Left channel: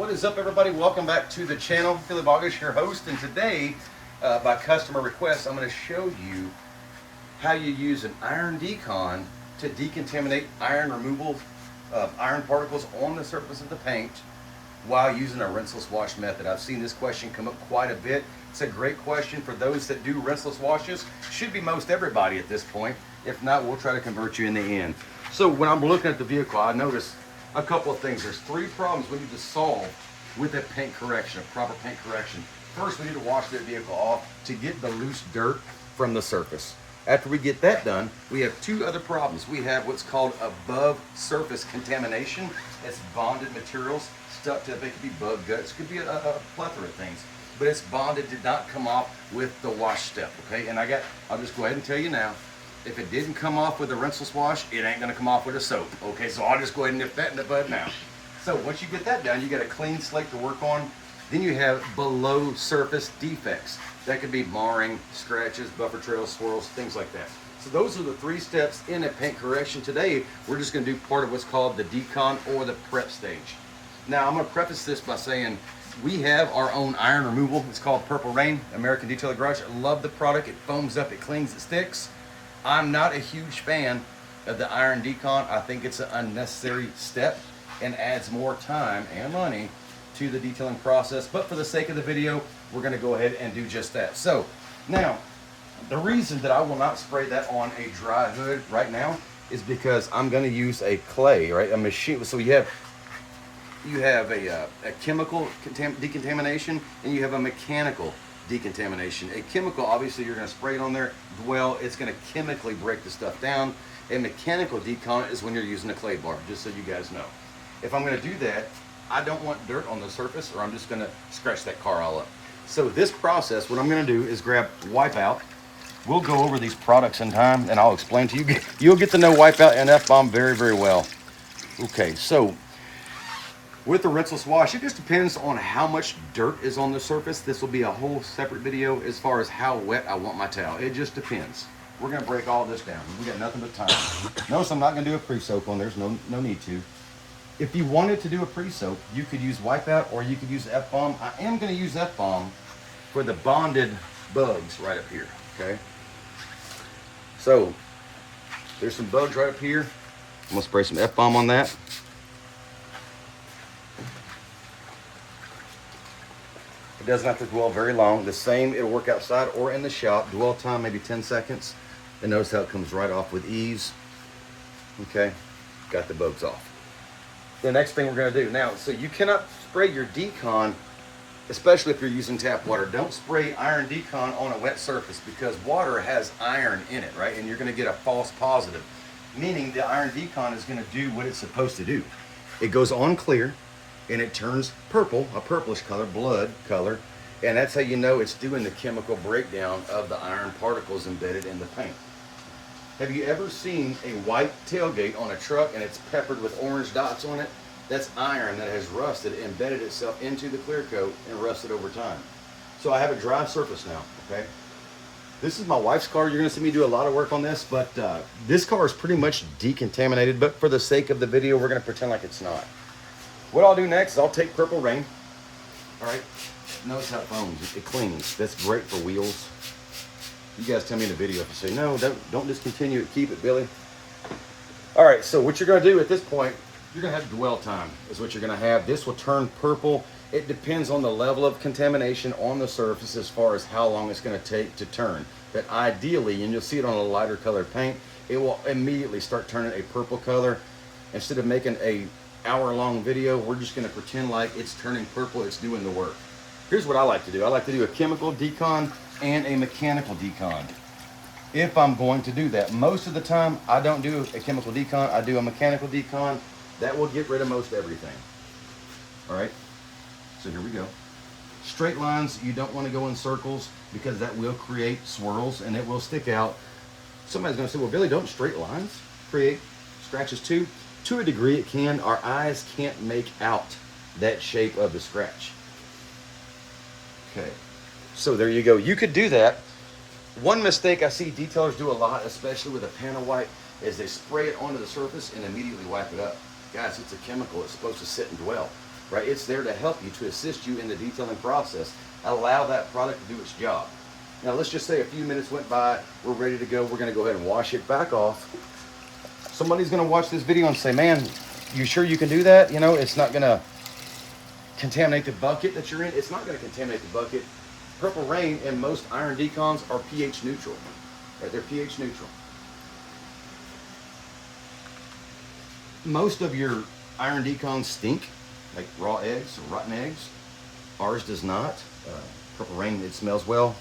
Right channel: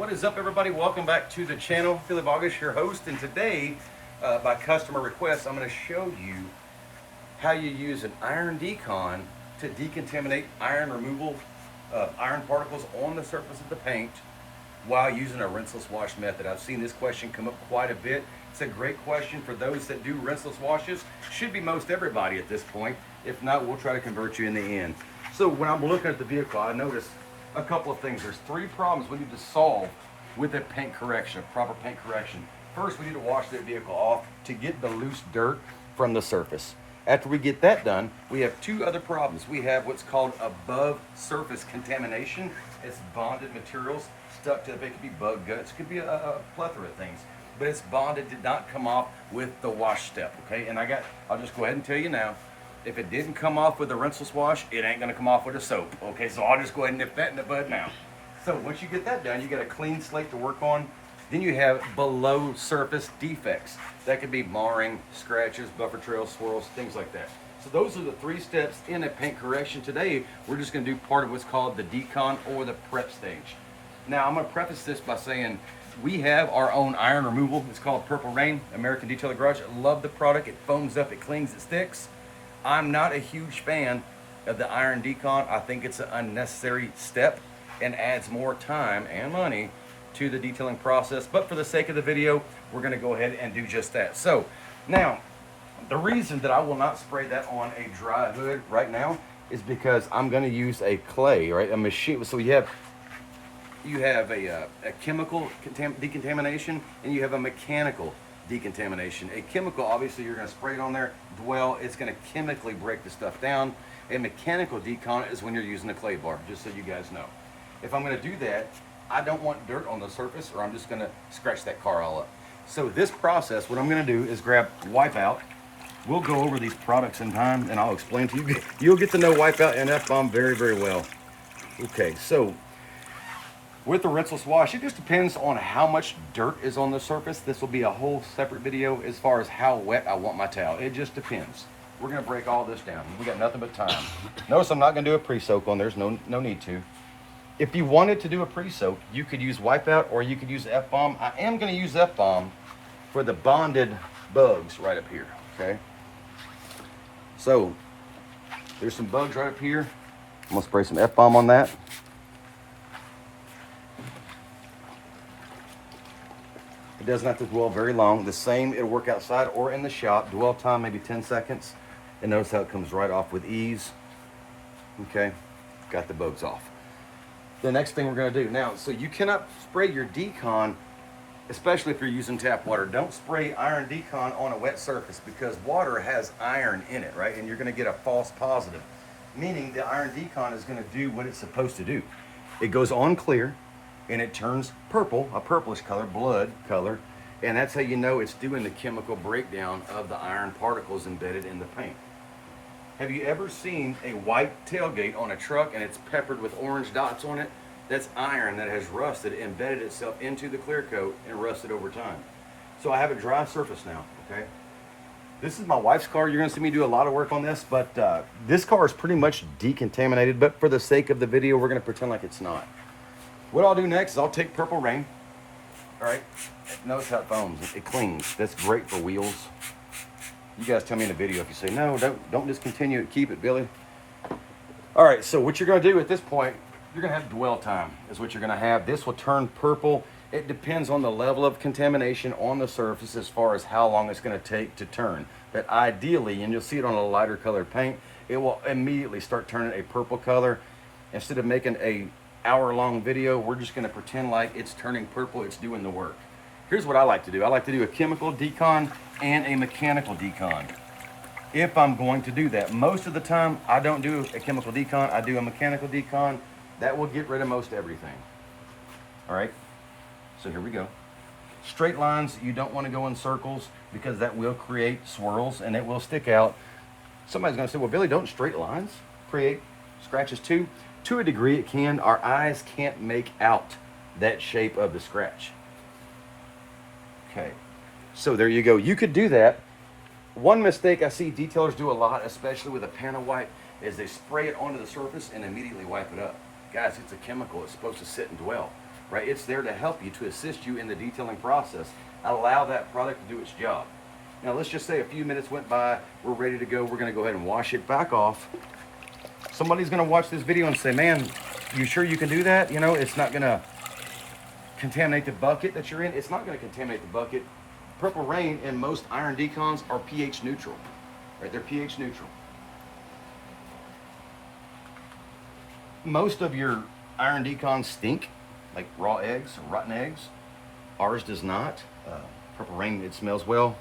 What is up, everybody? Welcome back to the channel. Philip August, your host, and today, by customer request, I'm going to show you how you use an iron decon to decontaminate iron removal, iron particles on the surface of the paint while using a rinseless wash method. I've seen this question come up quite a bit. It's a great question for those that do rinseless washes. Should be most everybody at this point. If not, we'll try to convert you in the end. So when I'm looking at the vehicle, I noticed a couple of things. There's three problems we need to solve with a paint correction, a proper paint correction. First, we need to wash the vehicle off to get the loose dirt from the surface. After we get that done, we have two other problems. We have what's called above surface contamination. It's bonded materials stuck to it. It could be bug guts, it could be a plethora of things, but it's bonded, did not come off with the wash step, okay? And I'll just go ahead and tell you now, if it didn't come off with a rinseless wash, it ain't gonna come off with a soap, okay? So I'll just go ahead and nip that in the bud now. So once you get that done, you got a clean slate to work on. Then you have below surface defects. That could be marring, scratches, buffer trails, swirls, things like that. So those are the three steps in a paint correction. Today, we're just gonna do part of what's called the decon or the prep stage. Now, I'm gonna preface this by saying we have our own iron removal. It's called Purple Rain, American Detailer Garage. I love the product. It foams up, it clings, it sticks. I'm not a huge fan of the iron decon. I think it's an unnecessary step and adds more time and money to the detailing process. But for the sake of the video, we're gonna go ahead and do just that. So now, the reason that I will not spray that on a dry hood right now is because I'm gonna use a clay, right? A machine. So you have a chemical decontamination and you have a mechanical decontamination. A chemical, obviously you're gonna spray it on there, dwell, it's gonna chemically break the stuff down. A mechanical decon is when you're using a clay bar, just so you guys know. If I'm gonna do that, I don't want dirt on the surface or I'm just gonna scratch that car all up. So this process, what I'm gonna do is grab Wipeout. We'll go over these products in time and I'll explain to you. You'll get to know Wipeout and F-Bomb very, very well. Okay, so with the rinseless wash, it just depends on how much dirt is on the surface. This will be a whole separate video as far as how wet I want my towel. It just depends. We're gonna break all this down. We got nothing but time. Notice I'm not gonna do a pre-soak on. There's no need to. If you wanted to do a pre-soak, you could use Wipeout or you could use F-Bomb. I am gonna use F-Bomb for the bonded bugs right up here, okay? So, there's some bugs right up here. I'm gonna spray some F-Bomb on that. It doesn't have to dwell very long. The same, it'll work outside or in the shop. Dwell time, maybe 10 seconds. And notice how it comes right off with ease. Okay, got the bugs off. The next thing we're gonna do now, so you cannot spray your decon, especially if you're using tap water. Don't spray iron decon on a wet surface because water has iron in it, right? And you're gonna get a false positive, meaning the iron decon is gonna do what it's supposed to do. It goes on clear, and it turns purple, a purplish color, blood color, and that's how you know it's doing the chemical breakdown of the iron particles embedded in the paint. Have you ever seen a white tailgate on a truck and it's peppered with orange dots on it? That's iron that has rusted, embedded itself into the clear coat and rusted over time. So I have a dry surface now, okay? This is my wife's car. You're gonna see me do a lot of work on this, but this car is pretty much decontaminated, but for the sake of the video, we're gonna pretend like it's not. What I'll do next is I'll take Purple Rain. All right, notice how it foams, it cleans. That's great for wheels. You guys tell me in the video if you say, no, don't discontinue it, keep it, Billy. All right, so what you're gonna do at this point, you're gonna have dwell time is what you're gonna have. This will turn purple. It depends on the level of contamination on the surface as far as how long it's gonna take to turn. But ideally, and you'll see it on a lighter colored paint, it will immediately start turning a purple color. Instead of making a hour-long video, we're just gonna pretend like it's turning purple, it's doing the work. Here's what I like to do. I like to do a chemical decon and a mechanical decon. If I'm going to do that, most of the time I don't do a chemical decon, I do a mechanical decon. That will get rid of most everything. All right, so here we go. Straight lines, you don't wanna go in circles because that will create swirls and it will stick out. Somebody's gonna say, well, Billy, don't straight lines create scratches too? To a degree it can. Our eyes can't make out that shape of the scratch. Okay, so there you go. You could do that. One mistake I see detailers do a lot, especially with a panel wipe, is they spray it onto the surface and immediately wipe it up. Guys, it's a chemical. It's supposed to sit and dwell. right? It's there to help you, to assist you in the detailing process. Allow that product to do its job. Now let's just say a few minutes went by, we're ready to go, we're gonna go ahead and wash it back off. Somebody's gonna watch this video and say, man, you sure you can do that? You know, it's not gonna contaminate the bucket that you're in. It's not gonna contaminate the bucket. Purple Rain and most iron decons are pH neutral, right? They're pH neutral. Most of your iron decons stink, like raw eggs or rotten eggs. Ours does not. Purple Rain, it smells well.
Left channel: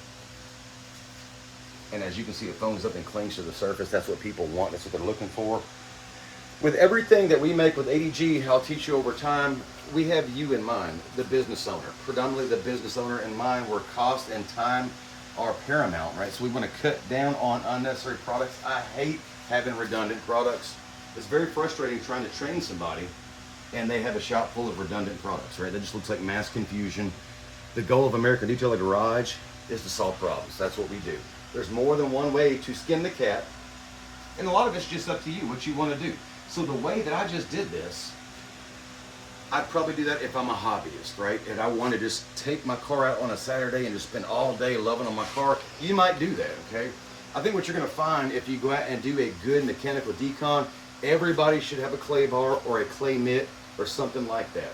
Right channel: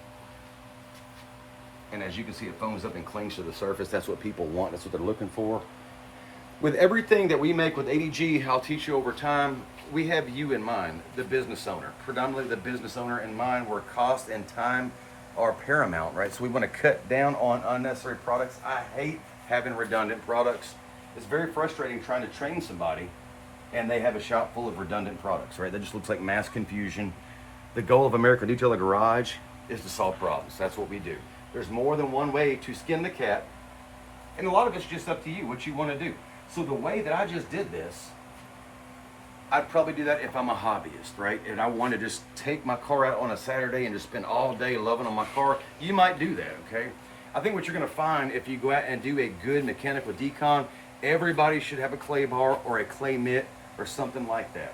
And as you can see, it foams up and clings to the surface. That's what people want. That's what they're looking for. With everything that we make with ADG, I'll teach you over time, we have you in mind, the business owner. Predominantly the business owner in mind, where cost and time are paramount, right? So we want to cut down on unnecessary products. I hate having redundant products. It's very frustrating trying to train somebody and they have a shop full of redundant products, right? That just looks like mass confusion. The goal of American Detailer Garage is to solve problems. That's what we do. There's more than one way to skin the cat, and a lot of it's just up to you, what you want to do. So the way that I just did this, I'd probably do that if I'm a hobbyist, right? And I want to just take my car out on a Saturday and just spend all day loving on my car. You might do that, okay? I think what you're going to find if you go out and do a good mechanical decon, everybody should have a clay bar or a clay mitt or something like that.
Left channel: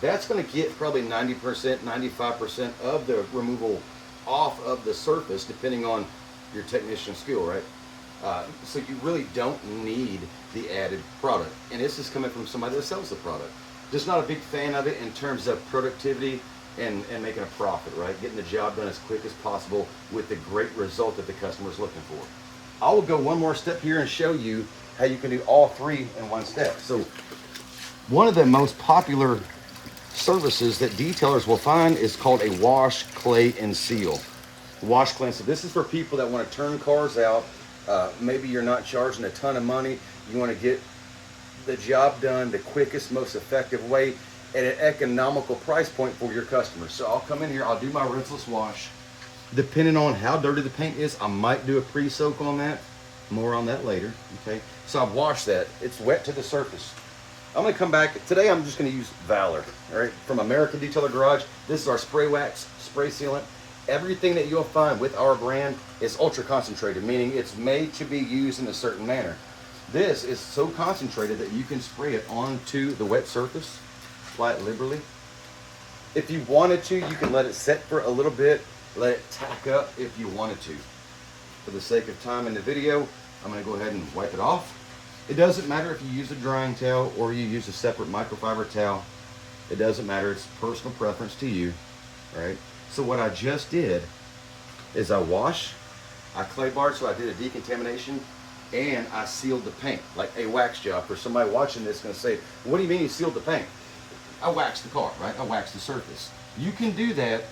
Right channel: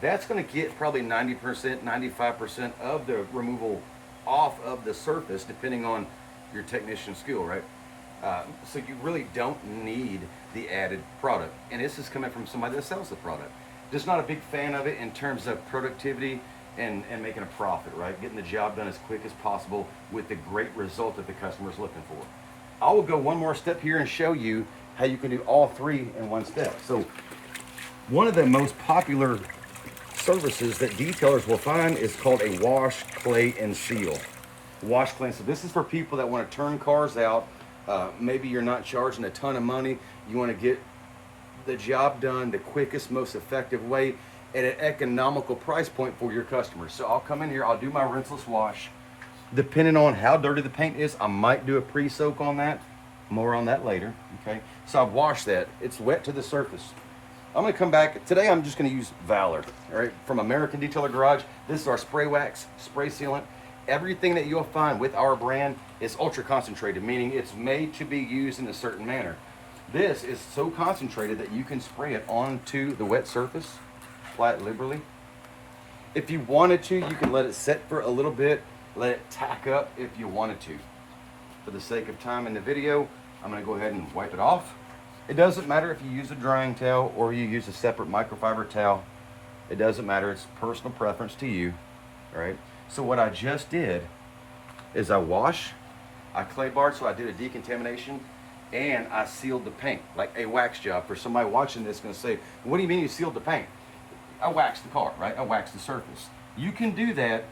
That's going to get probably 90%, 95% of the removal off of the surface, depending on your technician skill, right? So you really don't need the added product. And this is coming from somebody that sells the product. Just not a big fan of it in terms of productivity and making a profit, right? Getting the job done as quick as possible with the great result that the customer is looking for. I will go one more step here and show you how you can do all three in one step. So one of the most popular services that detailers will find is called a wash, clay, and seal. Wash, clay, and seal. This is for people that want to turn cars out. Maybe you're not charging a ton of money. You want to get the job done the quickest, most effective way at an economical price point for your customers. So I'll come in here, I'll do my rinseless wash. Depending on how dirty the paint is, I might do a pre-soak on that. More on that later, okay? So I've washed that. It's wet to the surface. I'm gonna come back. Today I'm just gonna use Valor, right? From American Detailer Garage. This is our spray wax, spray sealant. Everything that you'll find with our brand is ultra concentrated, meaning it's made to be used in a certain manner. This is so concentrated that you can spray it onto the wet surface, apply it liberally. If you wanted to, you can let it set for a little bit, let it tack up if you wanted to. For the sake of time in the video, I'm gonna go ahead and wipe it off. It doesn't matter if you use a drying towel or you use a separate microfiber towel. It doesn't matter, it's personal preference to you, right? So what I just did is I wash, I clay barred, so I did a decontamination, and I sealed the paint, like a wax job. For somebody watching this gonna say, what do you mean you sealed the paint? I waxed the car, right? I waxed the surface. You can do that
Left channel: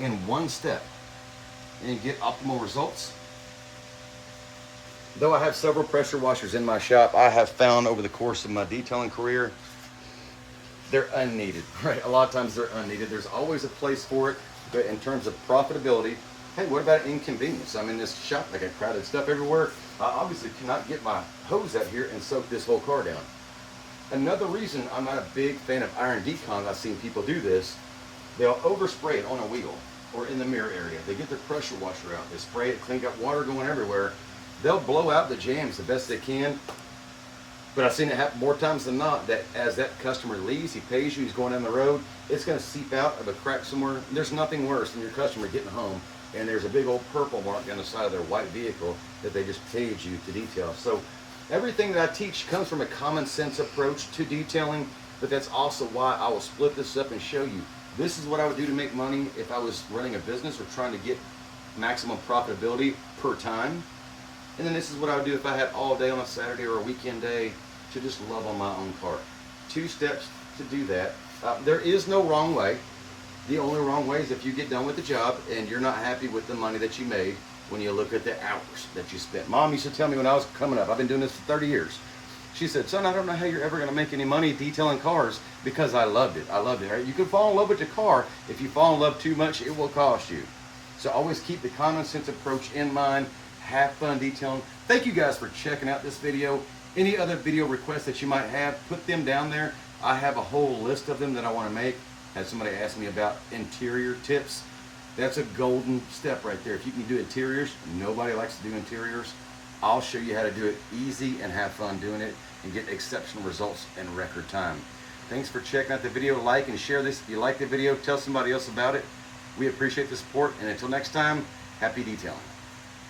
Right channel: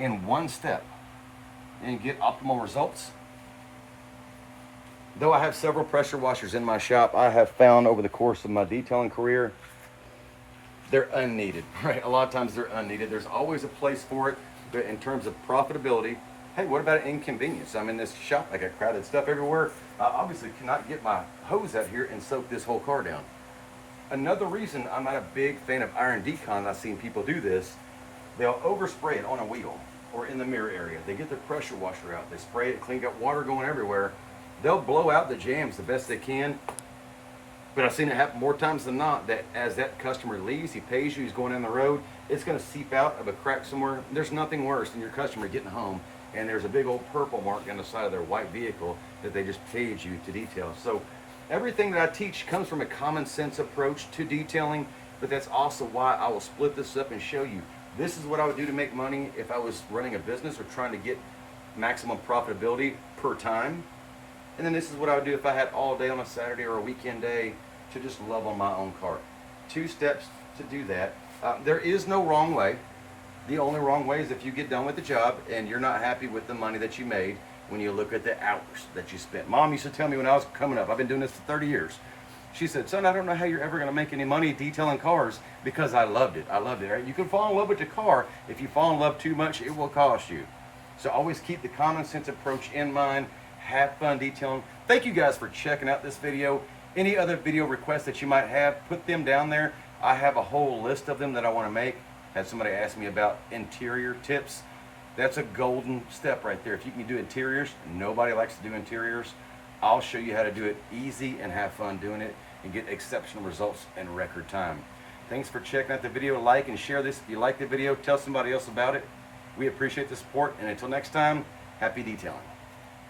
in one step and get optimal results. Though I have several pressure washers in my shop, I have found over the course of my detailing career, they're unneeded, right? A lot of times they're unneeded. There's always a place for it, but in terms of profitability, hey, what about inconvenience? I'm in this shop, I got crowded stuff everywhere. I obviously cannot get my hose out here and soak this whole car down. Another reason I'm not a big fan of iron decon, I've seen people do this, they'll overspray it on a wheel or in the mirror area. They get their pressure washer out, they spray it, clean, got water going everywhere. They'll blow out the jams the best they can, but I've seen it happen more times than not that as that customer leaves, he pays you, he's going down the road, it's gonna seep out of a crack somewhere. There's nothing worse than your customer getting home and there's a big old purple mark down the side of their white vehicle that they just paid you to detail. So everything that I teach comes from a common sense approach to detailing, but that's also why I will split this up and show you. This is what I would do to make money if I was running a business or trying to get maximum profitability per time. And then this is what I would do if I had all day on a Saturday or a weekend day to just love on my own car. 2 steps to do that. There is no wrong way. The only wrong way is if you get done with the job and you're not happy with the money that you made when you look at the hours that you spent. Mom used to tell me when I was coming up, I've been doing this for 30 years. She said, son, I don't know how you're ever gonna make any money detailing cars because I loved it. I loved it, right? You can fall in love with the car. If you fall in love too much, it will cost you. So always keep the common sense approach in mind. Have fun detailing. Thank you guys for checking out this video. Any other video requests that you might have, put them down there. I have a whole list of them that I want to make. Had somebody ask me about interior tips. That's a golden step right there. If you can do interiors, nobody likes to do interiors. I'll show you how to do it easy and have fun doing it and get exceptional results in record time. Thanks for checking out the video. Like and share this. If you like the video, tell somebody else about it. We appreciate the support, and until next time, happy detailing.